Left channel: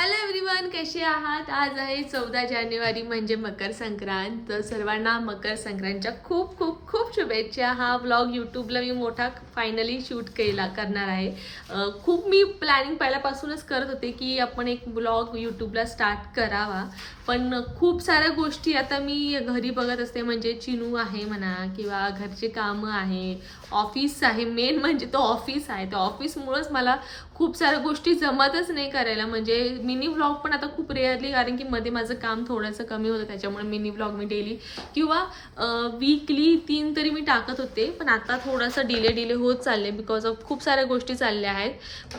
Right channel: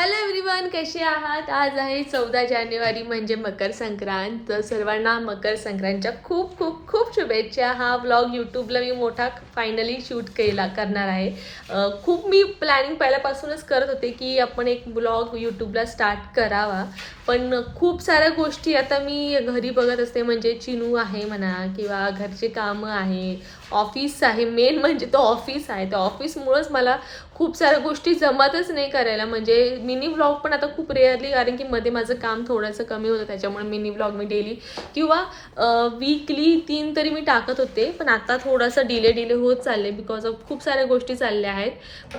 Hello everyone कसे आहात? आज आहे चौदा जानेवारी म्हणजे मकर संक्रांत. तर सर्वांना मकर संक्रांतच्या खूप खूप खूप शुभेच्छा. हा व्लॉग यूट्यूबला मी मोठा फायनली शूट केला करणार आहे. खूप मी प्लॅनिंग पहिल्यापासूनच करत होते की आपण एक ब्लॉग यूट्यूबला स्टार्ट करावा. पण खूप साऱ्या गोष्टी आता मी घरी बघत असते म्हणजे चिनू आहे म्हणा किंवा घरचे कामं आहे ऑफिस आहे. मेन म्हणजे तो ऑफिस आहे. त्या ऑफिसमुळंच मला खूप साऱ्या गोष्टी जमतच नाही करायला. म्हणजे मिनी व्लॉग पण आता खूप रेअरली कारण की मध्ये माझं काम थोडंसं कमी होतं त्याच्यामुळे मिनी व्लॉग मी डेली किंवा वीकली तीन तरी मी टाकत होते. पण आता थोडंसं डिले डिले होत चालले बिकॉज ऑफ खूप साऱ्या गोष्टी चालल्या आहेत.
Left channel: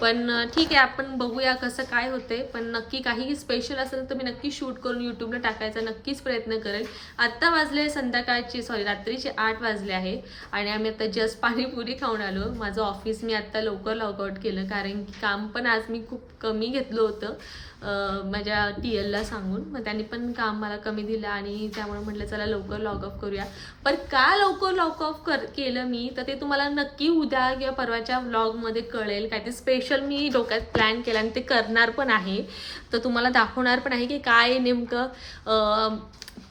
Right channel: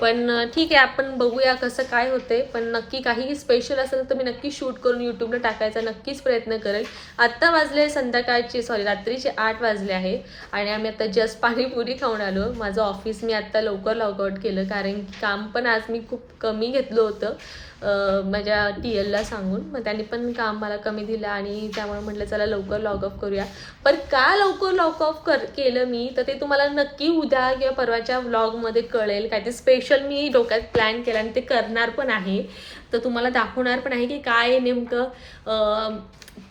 पण ठीक आहे आपण बघूया कसं काय होतंय. पण नक्की काही स्पेशल असेल तर मी नक्की शूट करून यूट्यूबला टाकायचा नक्कीच प्रयत्न करेल. आत्ता वाजले संध्याकाळचे सॉरी रात्रीचे आठ वाजले आहे. आणि आम्ही आता जस्ट पाणीपुरी खाऊन आलो. माझं ऑफिस मी आत्ता लवकर लॉगआउट केलं कारण की काम पण आज मी खूप कमी घेतलं होतं. माझ्या टी एलला सांगून. मग त्यांनी पण काम मला कमी दिलं आणि त्यामुळे म्हटलं चला लवकर लॉग ऑफ करूया. पण का लवकर लॉग ऑफ कर केलं मी? तर ते तुम्हाला नक्की उद्या किंवा परवाच्या व्लॉगमध्ये कळेल. काय ते स्पेशल मी डोक्यात प्लॅन केला आणि ते करणार पण आहे. तर तुम्हाला दाखवणार पण आहे की काय नेमकं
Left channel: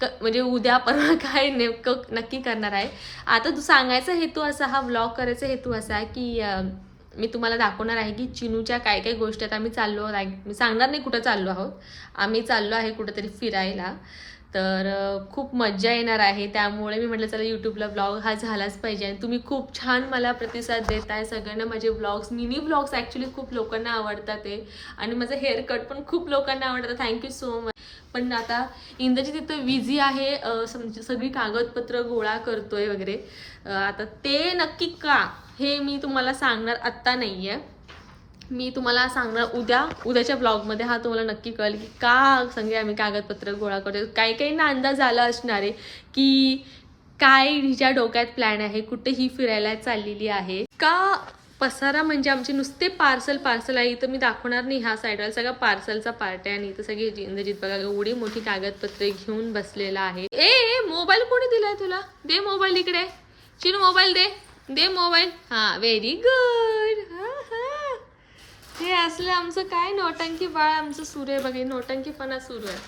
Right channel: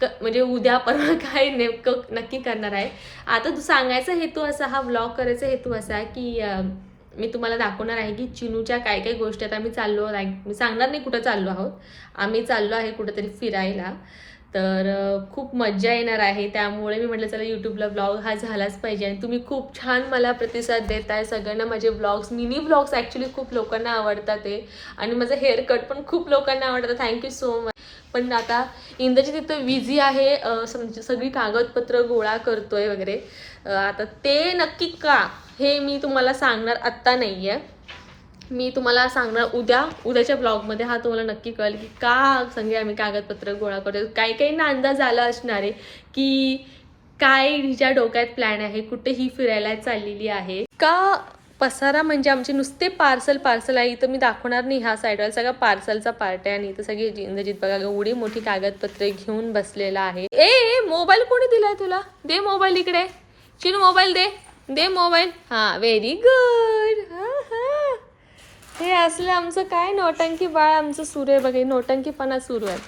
क म्हणजे उद्या परवा काय नेमकं नक्की करणार आहे. आता तू सांगायचा हेतू असा हा व्लॉग करायचा हेतू असा आहे की मी तुम्हाला दाखवणार आहे की चिनूच्या काय काय गोष्टी आहेत. आम्ही चाललो लाईक मी सांगणार नाही कुठं चाललो आहोत. आम्ही चाललो आहे कुठंतरी फिरायला. तर खूप मज्जा येणार आहे. त्यामुळे मी म्हटलं चला यूट्यूबला ब्लॉग हा झालाच पाहिजे. आणि तुम्ही खूप छान मला प्रतिसाद देत आहे सगळ्यांना. माझे ब्लॉग्स मिनी ब्लॉग्स ॲक्च्युली खूप लोकांना आवडतात ते आणि माझं हेअरकट पण खूप लोकांना आवडतं. थँक्यू सो मच पण आता इंद्रजी तिथं विझी आहे. सगळी कागदपत्र गोळा करतोय वगैरे. आता ते नक्की का? हे मी तुम्हाला सांगणार आत्ता नाही आहे मी तुम्हाला सांगणार उद्या उद्याच्या ब्लॉगमध्ये हा तुम्हाला नक्की कळेल की का सगळे आम्ही कागदपत्र गोळा करतो काही काहींना अंदाज आला असणार आहे की काय हिच्या डोक्यात प्लॅन आहे कुठे ही फिरायला चाललेली आहे. का पसारा म्हणजे आमचे नुसते पार्सल पार्सल आहे इथं मी दाखवणार नाही ह्या साईडवर सगळा पार्सलचा पार्ट आहे आणि इथं सगळी इंद्रजित बघा एवढी मोठी कागदपत्रे घेऊन बसलेला आहे. ए मोबाईल कोणी दिलाय तुला? दे मोबाईल इकडे. चिन मोबाईल दे. दे मोबाईल. हा व्हेरी गुड हा हा. हे असलं आमचं काय नोटंकी बाळ आमचं सुरू आहे बघा हे नोटंकीपणा सुरू आहे.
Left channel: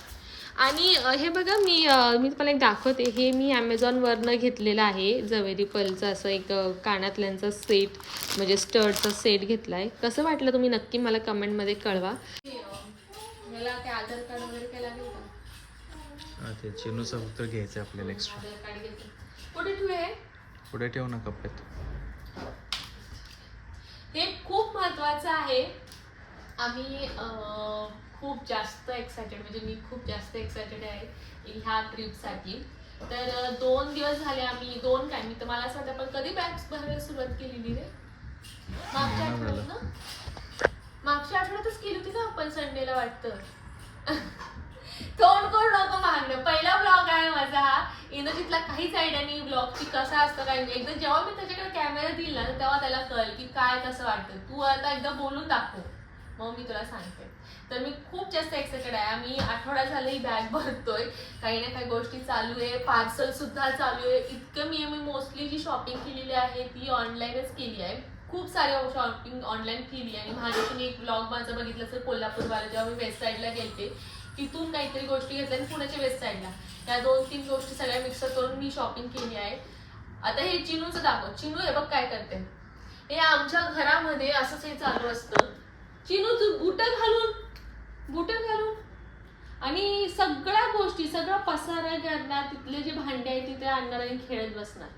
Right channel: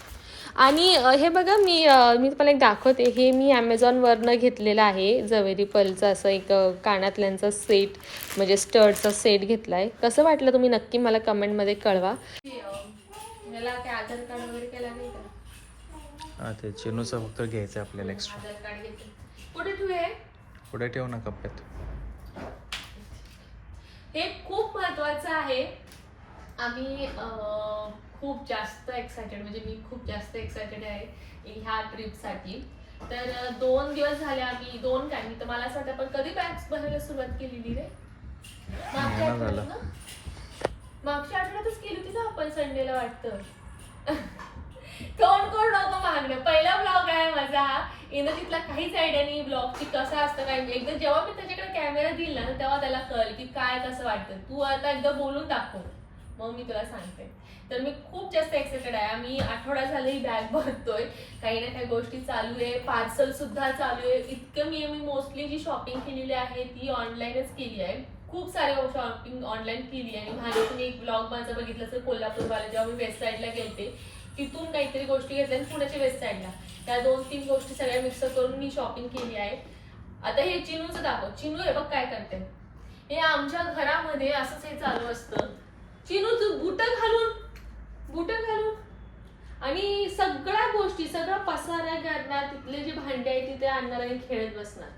आणि हे बघा मी मी तुम्हाला एक दाखवते. हे मी ॲमेझॉनवरनं घेतलेलं आहे जवेरी पलचं असं एक कानातल्यांचा सेट म्हणजे स्टर्टचा सेट घेतला आहे कसं वाटलं तुम्ही नक्की मला कमेंटमध्ये कळवा. मला ते आधार कार्ड वगैरे काय लागेल का? हा ते चिनूचं फक्त घ्यायचं आपल्याला एक्स्ट्रा कुठे ठेवू पुढे ठेव ना कप्प्यात हे खूप महत्वाचं आहे. आम्ही खूप जास्त एक्सायटेड म्हणजे मी खूप जास्त एक्सायटेड आहे ह्या ट्रिपसाठी तर दोन दिवस झाले आम्ही दोन काय मी तर मला असं पण कधी बॅग्स भरायला सुरुवात केलेली रे? मागच्या. आठवड्यात ना? मागच्या आठवड्यातच केली होती ना आपण संडेला वाटतं. तोंड करू नको मागणं. पहिला ब्लॉग आहे माझा. इंद्रजितला काहीच आयडिया नाही ब्लॉगची कसा असतं काय. नाही. एकदा जेव्हा मी त्याच्याकडे कॅमेरा दिला ना तेव्हा त्याला कळ की काय कसं वाटतं. तू आता एकदा बोलून दाखव. मग मी तुला सांगते. तर मी खूप जास्त एक्सायटेड आहे. आम्ही आठवडा झालं ही बॅग भरतोय. काही ना काही गोष्टी चालू आहे. पार्सल सुद्धा चालू आहे. इतकं मी मी मोस्टली जी शॉपिंग केलेली आहे ती ऑनलाईनच केली आहे. खूप सारे शॉपिंग ऑनलाईन केली आहे. आणि माझे तुम्ही एक ब्लॉग माझा बघितलं तर कोल्हापूरवाला जेव्हा मी वेबसाईटला साईडला गेलते तिथून काहीतरी गोष्टी घेतल्या आणि पुण्याच्या वेस्ट साईडला. त्या दोन तीन गोष्टी सगळ्या मिक्सर करून मी शॉपिंग केली आहे. आता हे चिनूचं दाखव. चिनू हे बघ काय करते. हे आमच्या घरामध्ये असंच हे चालू असतं. चिनूचं बुट घालून बुट घालून. आणि सगळ्या गोष्टी सगळा पसारा करणार तिथले जे भांडे आहेत तिथे आणणार आणि खेळत बसणार.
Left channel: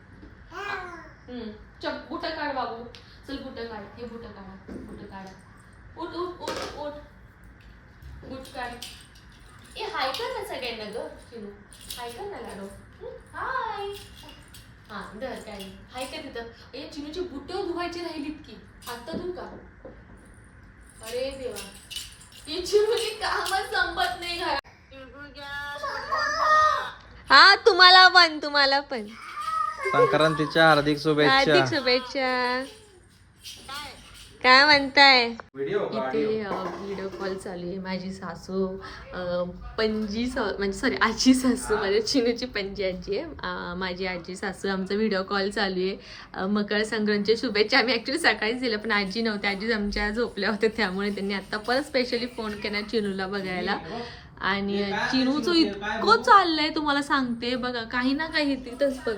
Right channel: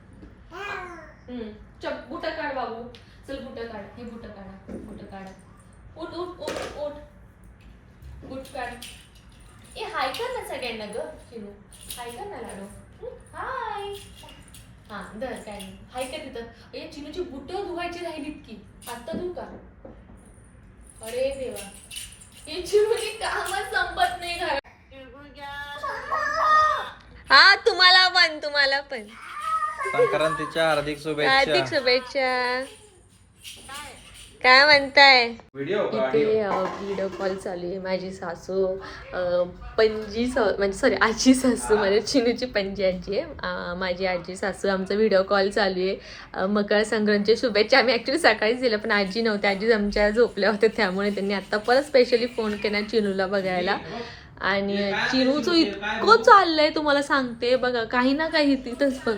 हम्म. बुट काढ बाबू. चल बुट काढ. हे बुट काढा बुट काढा. उठ उठ उठ उठ. बुट काढ. ए हाय कर ना सगळ्यांना ग चिनू हाय कर ना लाडो. हं? हाय हा धर काय नाही. हाय कर तिथं. ए चिनूची बुट धुवायची राहिलीत की. आत्ता धुऊ का? अरे देवा. ही चिनूची कामच संपत नाही घरात. हा तुम्हाला पण तुम्हाला पण. संक्रांतीच्या हार्दिक शुभेच्छा. शुभेच्छा. काय म्हणताय? इथे व्हिडिओ कॉल चालू आहे. माझी सासू पणजी स म्हणजे सॉरी आजी सासू माझ्या चिनूची पणजी आजी आहे. माझी आजी सासू आमचा व्हिडिओ कॉल चालू आहे. मकर संक्रांतीच्या शुभेच्छा आम्ही ॲक्च्युली सकाळीच दिल्या पण आजी नव्हत्या आजी आमच्या झोपल्या होत्या त्यामुळे त्यांनी आत्ता परत स्पेशली फोन केला चिनूला बघायला. आणि चिनूचं इतकं चाललंय तुम्हाला सांगते. बघा काही ना काही तिथंच बघ.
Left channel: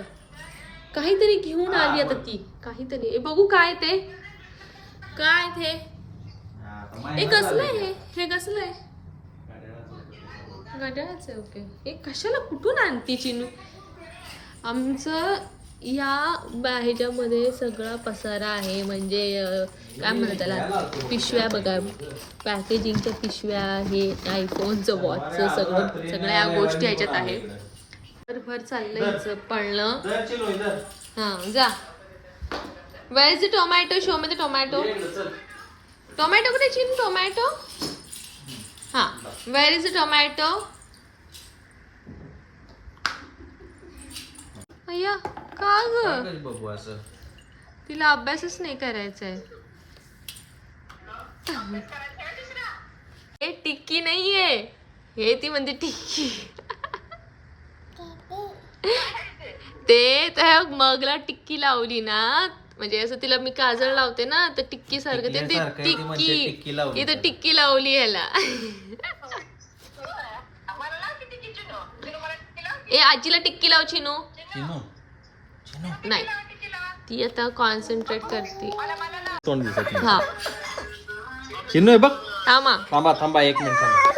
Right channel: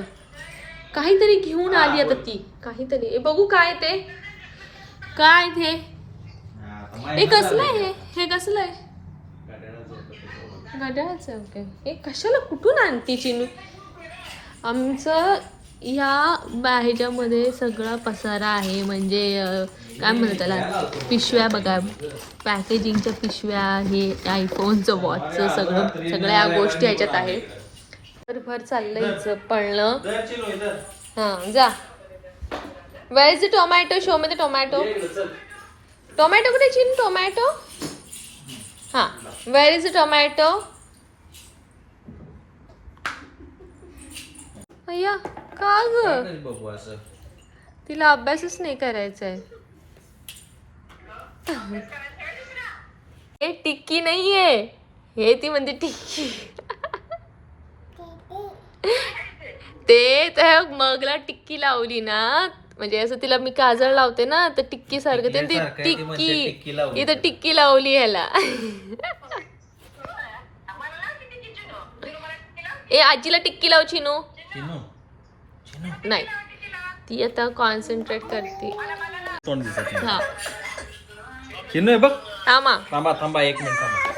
काहीतरी घेऊन आली आता ती. काहीतरी. हे बघू काय ते. काय ते? हे कसलं आहे हे? कसलं आहे? घड्याळाचं आहे ओके हे कशाला कुठून आणती चिनू? आमचं या ह्याच्यामध्ये सगळा पसारा आहे म्हणजे काय म्हणतात पिशव्या बघा. पॅकेजिंगच्या पिशव्या हे आयफोनचं वॉचचं सगळं सगळ्या या गोष्टी ह्याच्यात आहे तर भर चाललंय हिचं पळणं. हां जा. वेर इज टोमॅटो शो मध्ये टोमॅटो टोमॅटो कुठे चिन टोमॅटो हां. वेर इज टोमॅटो अय्या का ग? तिला अभ्यासच नाही करायचा आहे हे टिक्की नाहीये. हे ती म्हणते टिक्की. ते त्या मगला टिक्की लावली ना. म्हणजे असं तिला मी काजळ लावते ना तर टिक्की सारखं ते टिक्की. टिक्की लावली. इथं टिक्की लावली ह्याला. ए आजीला टिक्की लाव चिनू. नाही. ती आता कॉन्सन्ट्रेट करते. तोंड दिसत नाही हा. चिनू आहे बघ. थांबा. थांबा थांबा एक मिनिट थांबा.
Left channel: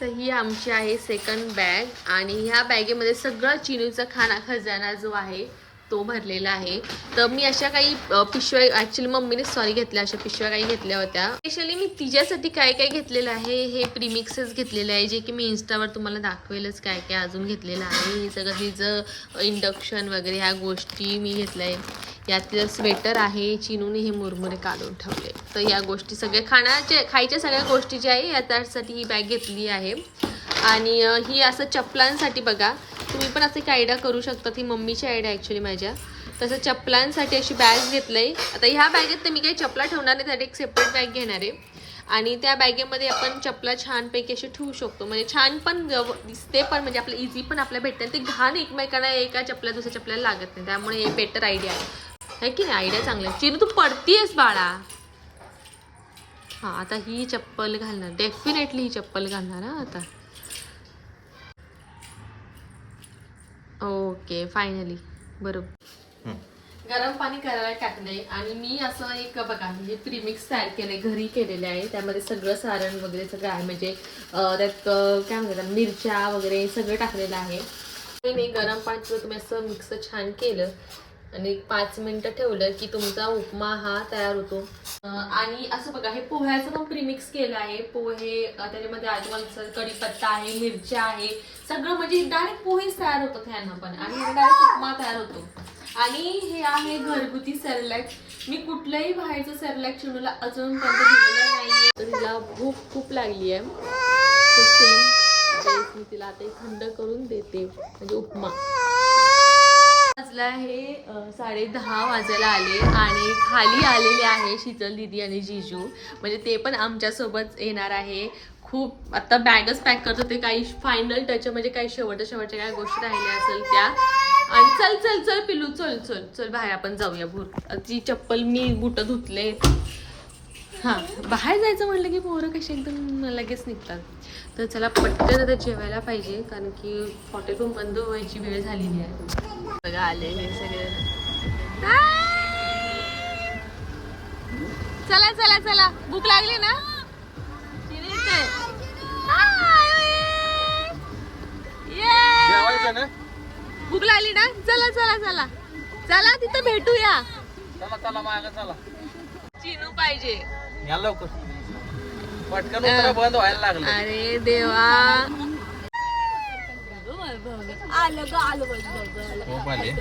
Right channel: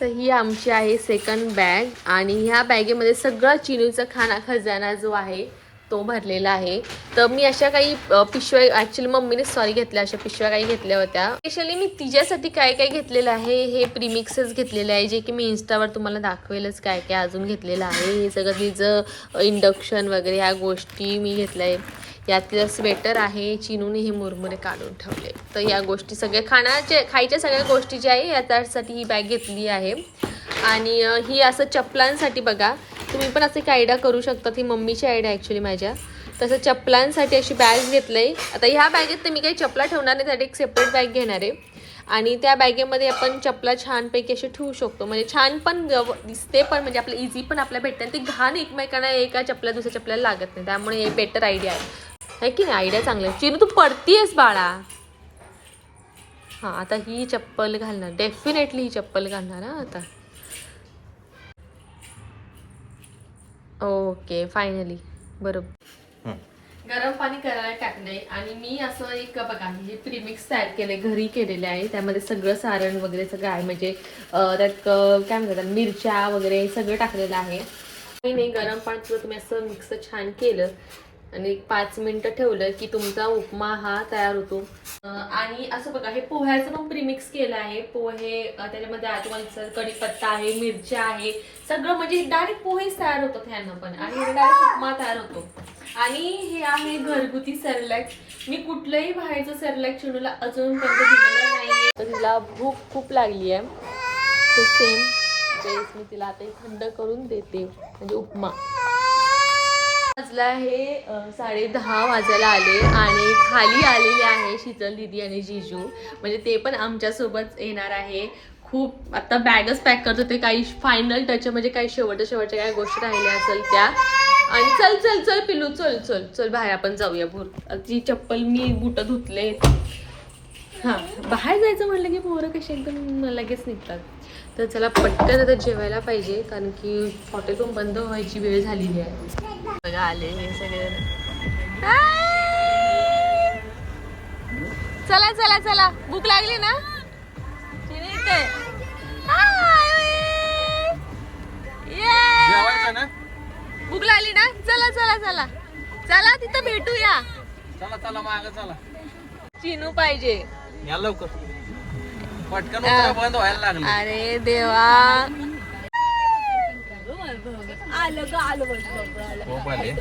तर ही आमची आहे सेकंड बॅग आणि ह्या बॅगेमध्ये सगळा चिनूचा खाना खजाना जो आहे तो भरलेला आहे. तर मी अशा काही पिशव्या ॲक्च्युली मम्मीने सॉरी घेतल्या अशा पिशव्या काही घेतल्या होत्या. स्पेशली मी तिच्यासाठी काय काय घेतलेलं आहे हे प्रीमिक्सच घेतलेले आहे जे की मी इन्स्टावर तुम्हाला दाखवेलच काय काय अजून घेतलेलं आहे. हे सगळं तिचं इंडक्शन वगैरे ह्या गोष्टी मी घेतल्या. आहे यातलं स्वेटर आहे चिनूने हे मुरमुरे काढून ठेवले. तर या गोष्टी सगळ्या खाण्याचे खायच्या सगळ्या गोष्टी ज्या आहे या त्यासाठी ही बॅग घेतली आहे. आणि ही असं चपलांसाठी बघा तुम्ही पण असं एक आयडिया करू शकता. ही मम्मीची आयडिया ॲक्च्युली माझ्या. तसं चपलांसाठी अशी बॅग घेतलं आहे आता ह्या बॅगेत तर मी काही चपला ठेवणार नाही त्यासाठी एक सेपरेट बॅग घेणार आहे. आणि त्या बॅगेमध्ये आपण चपला छानपैकी अशी ठेवू शकतो. म्हणजे छान पण दिसते पण म्हणजे आपलं इझी पण आपल्या भेटते. आणि ते घाण एकमेकांना एका चपला दुसऱ्या चपल्याला लागत नाही. त्यामुळे हे बेटर आयडिया आहे. की नाही? आयडिया चांगला आहे. चिनू तू पडतीयस बाळा. हां आता ही चप्पल घालणार. डेफिनेटली ही चप्पल घालणार आता. ओके फायनली बरोबर. हं. गरम पाणी करायला टाकलंय आणि मी असं एक बघा हे प्रीमिक्स तयार केलंय घरी केलेले आहे. त्यामध्ये सगळं सारण वगैरे सगळं आहे. म्हणजे अं, त्यात काय म्हणतात मिरच्या वगैरे सगळं टाकलेलं आहे. नाही गरम पाणी तुम्ही असं मिक्स छान केलं. आणि एक पाच मिनिटं ठेवलं की तुमचा उपमा हा तयार होतो. आणि असं बघा हे पोह्याचं पण प्रीमिक्स केलं आहे. पोहे त्याच्यामध्ये आजूबाजूचा कढीपत्ता आहे मिरच्या आहे. सगळं म्हणजे डायरेक्ट पोहेच तयार होतात ह्यानं पण. आणि डायरेक्ट उपमा तयार होतो. आणि हे आहे घरगुती सेरलॅक मी कुठलंही बाहेरचं सेरलॅक चिडूला अजूनपर्यंत दिलेलं नाहीये. तर तिला भूक खूप लागली आहे. सेम मी तिला आता थंड करून देते. म्हणजे उपमा. वाजला आहे साडे दहा वाजायला आले आणि खाली आलेले आहे शीतल दिदी आणि जिजू. म्हणजे ते पण आमच्यासोबत येणार आहे. खूप आता बॅगच पॅक करत होते काही फायनल टच म्हणजे काही शेवटच्या शेवटच्या काही गोष्टी राहिल्या असेल त्या. आणि चल चल चल पिलू चल चल चल बाहेर आपण जाऊया भूर. जी चप्पल मी बुट धुतले. हां बाहेर जायचं म्हटलं की पोरं कशी एकदम लगेच निघतात. तर चला पटकन आता जेवायला पाहिजे कारण की हॉटेल रूम बंद व्हायची वेळ झालेली आहे. आले हे सगळे. चला चला चला. भूक लागली ना. भूक लागली ना? चला चला चला. चला तिथं भेटूया. चला चला माग चला. चिनू पाहिजे. या लवकर. पटकन. उतरा, बंद व्हायला लागले. अरे देवा. आलं ग आलं बघ, बघ, आलं. खूप आले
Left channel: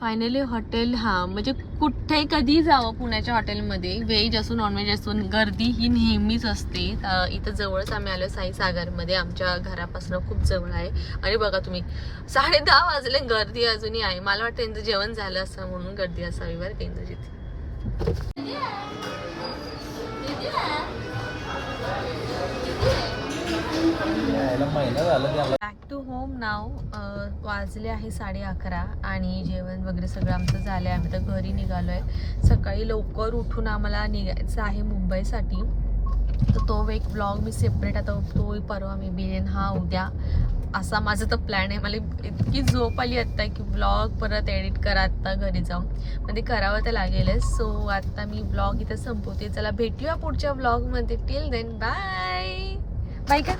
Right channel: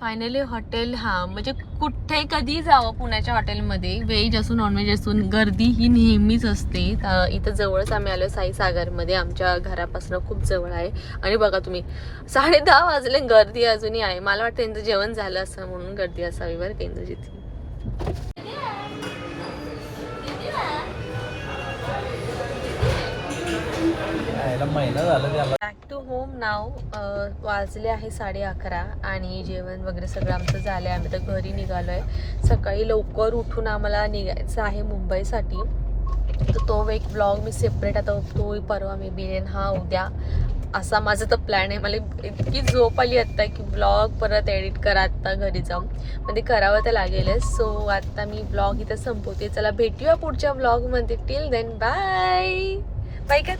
फायनली हॉटेल हा म्हणजे कुठे कधी जावं पुण्याच्या हॉटेलमध्ये व्हेज असो नॉनव्हेज असो गर्दी ही नेहमीच असते. इथं जवळच आम्ही आलो साई सागरमध्ये. आमच्या घरापासून खूप जवळ आहे. आणि बघा तुम्ही साडे दहा वाजले गर्दी अजूनही आहे. मला वाटतं त्यांचं जेवण झालं असं म्हणून गर्दी असावी बरं केंद्रजीत बॅक टू होम नाव वाजले आहे साडे अकरा आणि जेवण वगैरे सगळं आमचं झालं आहे आम्ही तर घरी निघालो आहे सकाळी लवकर उठून आम्हाला निघायचं आहे मुंबईसाठी. तर तो एक ब्लॉग मी सेपरेट आता तो परवा मी बिरेन हा उद्या. असा माझा तर प्लॅन आहे. मला इतकी झोप आली आत्ता की ब्लॉग परत एडिट करा आत्ता घरी जाऊन. म्हणजे करावं तर लागेलच. सो आत्ता मी ब्लॉग इथं संपवते. चला भेटूया पुढच्या ब्लॉगमध्ये टिल देन बाय बाय का